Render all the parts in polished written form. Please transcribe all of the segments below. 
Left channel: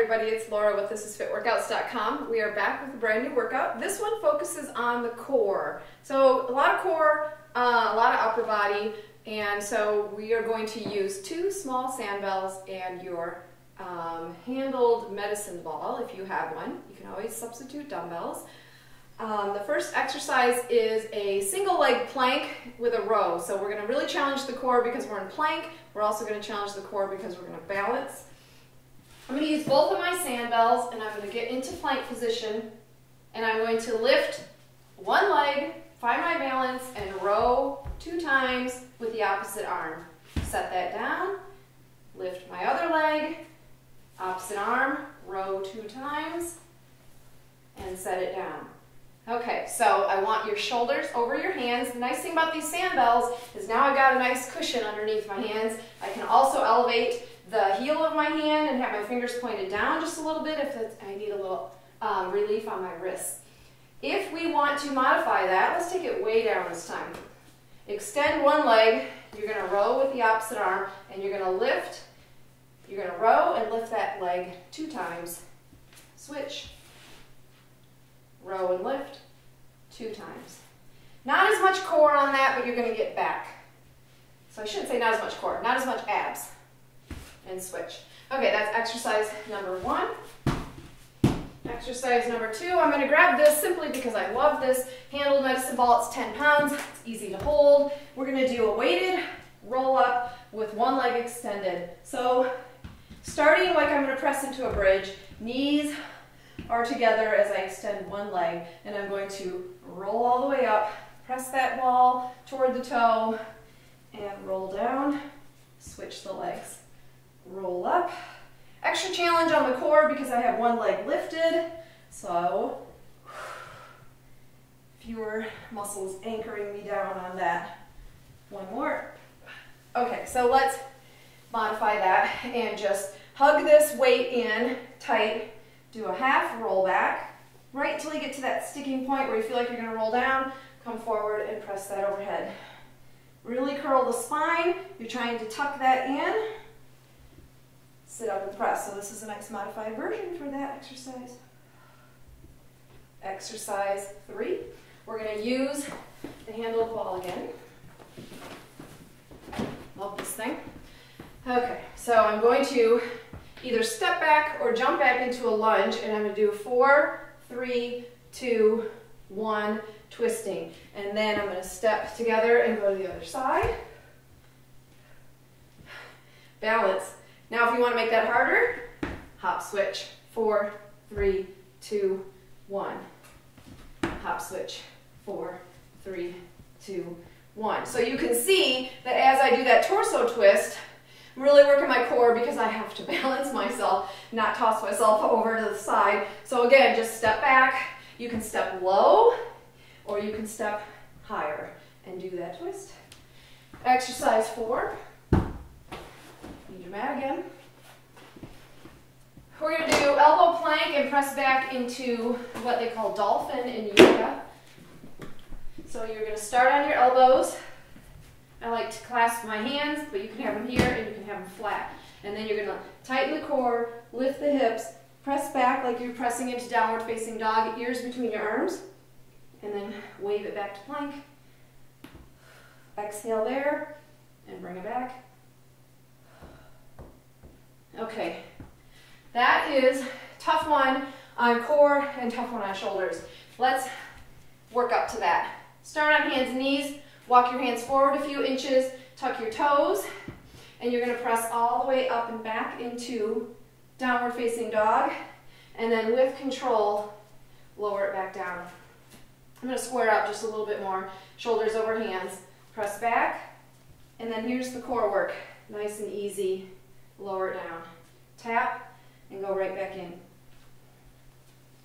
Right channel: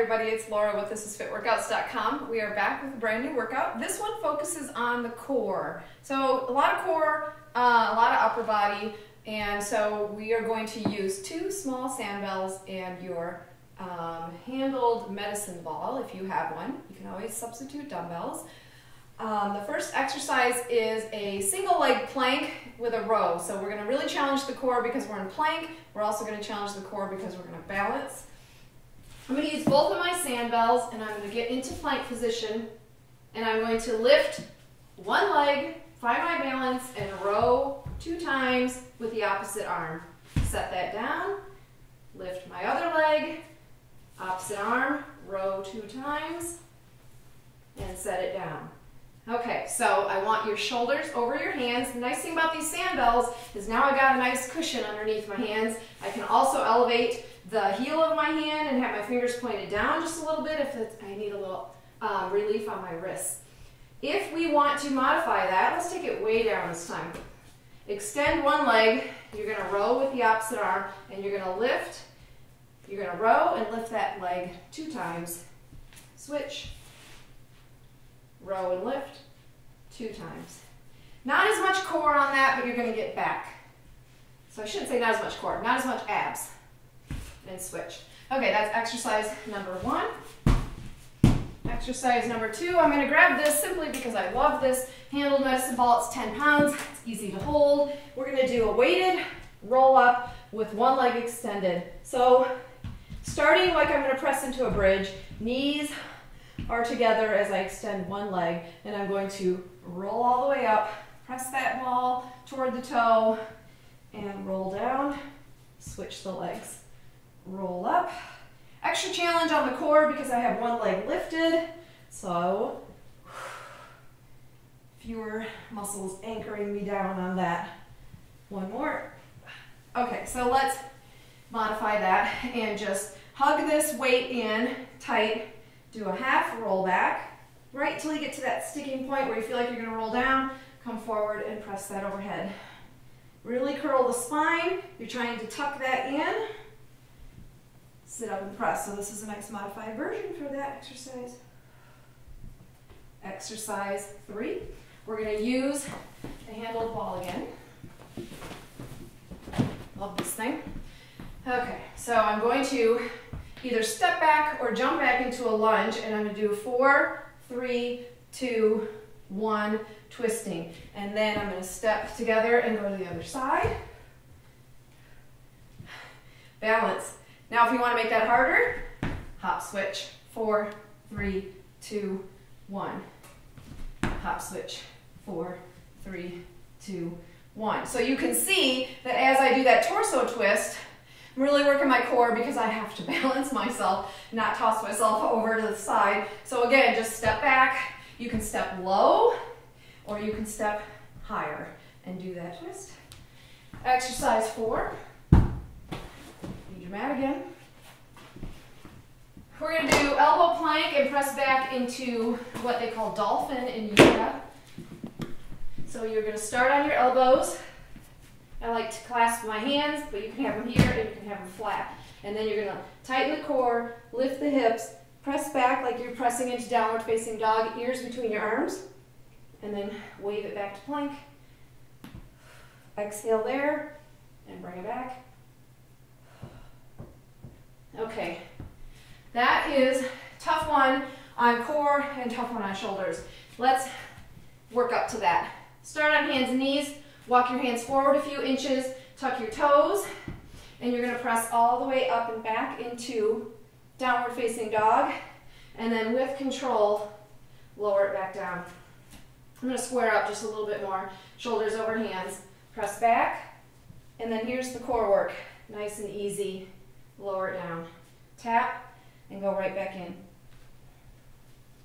everybody, it's Laura with thisisfitworkouts.com. We are back with a brand new workout. This one focuses on the core. So a lot of core, a lot of upper body, and so we are going to use 2 small sandbells and your handled medicine ball if you have one. You can always substitute dumbbells. The first exercise is a single leg plank with a row. So we're going to really challenge the core because we're in plank. We're also going to challenge the core because we're going to balance. I'm going to use both of my sandbells and I'm going to get into plank position and I'm going to lift one leg, find my balance, and row 2 times with the opposite arm. Set that down, lift my other leg, opposite arm, row 2 times, and set it down. Okay, so I want your shoulders over your hands. The nice thing about these sandbells is now I've got a nice cushion underneath my hands. I can also elevate the heel of my hand and have my fingers pointed down just a little bit if I need a little relief on my wrists. If we want to modify that, let's take it way down this time. Extend one leg, you're going to row with the opposite arm, and you're going to lift, you're going to row and lift that leg 2 times. Switch. Row and lift 2 times. Not as much core on that, but you're going to get back. So I shouldn't say not as much core, not as much abs. And switch. Okay, that's exercise number 1. Exercise number 2, I'm going to grab this simply because I love this handled medicine ball. It's 10 pounds. It's easy to hold. We're going to do a weighted roll up with one leg extended. So starting like I'm going to press into a bridge, knees are together as I extend one leg, and I'm going to roll all the way up, press that ball toward the toe, and roll down, switch the legs. Roll up. Extra challenge on the core because I have one leg lifted, so fewer muscles anchoring me down on that. One more. Okay, so let's modify that and just hug this weight in tight. Do a half roll back, right till you get to that sticking point where you feel like you're going to roll down. Come forward and press that overhead. Really curl the spine. You're trying to tuck that in. Sit up and press. So this is a nice modified version for that exercise. Exercise 3. We're going to use the handled ball again. Love this thing. Okay, so I'm going to either step back or jump back into a lunge, and I'm going to do 4, 3, 2, 1, twisting. And then I'm going to step together and go to the other side. Balance. Now if you want to make that harder, hop switch. 4, 3, 2, 1. Hop switch. 4, 3, 2, 1. So you can see that as I do that torso twist, I'm really working my core because I have to balance myself, not toss myself over to the side. So again, just step back. You can step low or you can step higher and do that twist. Exercise 4. Need your mat again. We're going to do elbow plank and press back into what they call dolphin in yoga. So you're going to start on your elbows. I like to clasp my hands, but you can have them here and you can have them flat. And then you're going to tighten the core, lift the hips, press back like you're pressing into downward facing dog, ears between your arms, and then wave it back to plank. Exhale there and bring it back. Okay, that is tough one on core and tough one on shoulders. Let's work up to that. Start on hands and knees. Walk your hands forward a few inches, tuck your toes, and you're going to press all the way up and back into downward facing dog, and then with control, lower it back down. I'm going to square up just a little bit more, shoulders over hands, press back, and then here's the core work. Nice and easy, lower it down. Tap, and go right back in.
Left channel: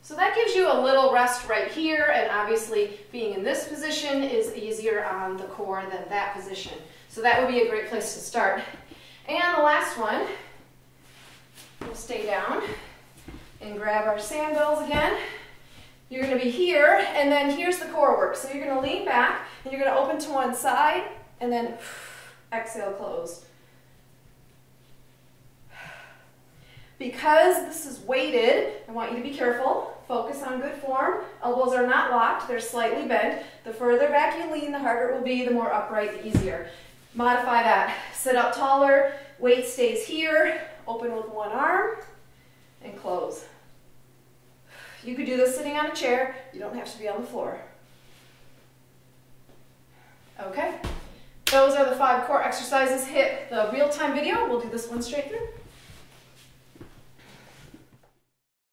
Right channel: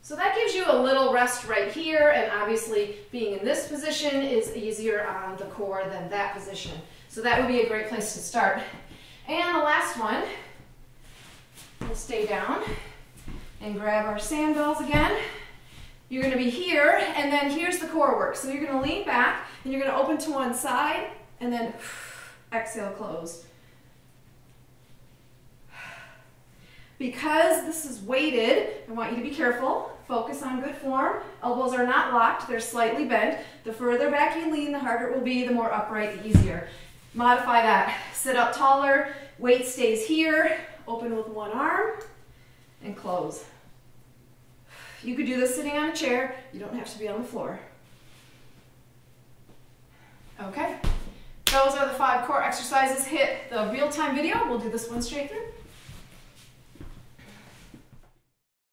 So that gives you a little rest right here, and obviously being in this position is easier on the core than that position. So that would be a great place to start. And the last one, we'll stay down and grab our sandbells again. You're going to be here, and then here's the core work. So you're going to lean back, and you're going to open to one side, and then exhale, close. Because this is weighted, I want you to be careful. Focus on good form. Elbows are not locked, they're slightly bent. The further back you lean, the harder it will be, the more upright, the easier. Modify that. Sit up taller, weight stays here, open with one arm, and close. You could do this sitting on a chair, you don't have to be on the floor. Okay, those are the 5 core exercises. Hit the real-time video, we'll do this one straight through.